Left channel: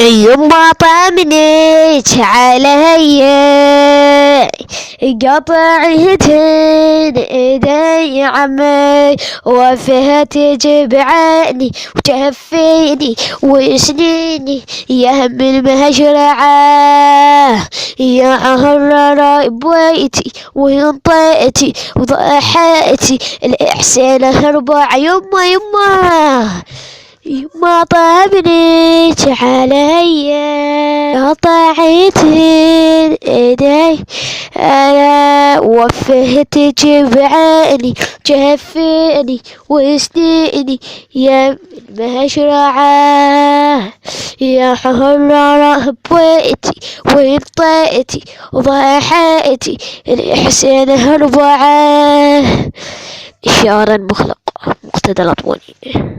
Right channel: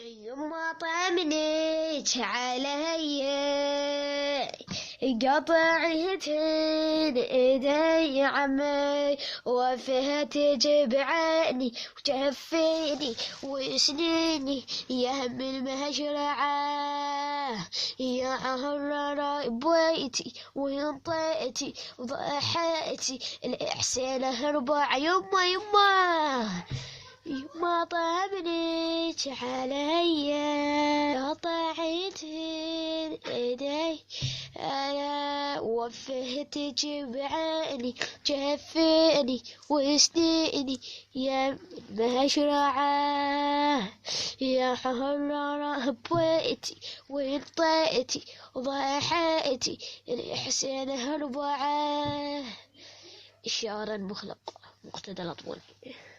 يما طمنيت علي قطعتين ايدي عمي وفيها تجبعني وتهفيني وسنيني يا هم المهجرعة يا عهر بويتي وانطيتي وضحيتي الإحسان هربع يما يما طمنيت علي قطعتين ايدي انا وفهت جبعاني جفيني وسنيني يا المهجرعة يا حرارة بويتي وانطيتي وضحيتي الإحسان هربعة. شعر مخلق مقتدى الأطواني.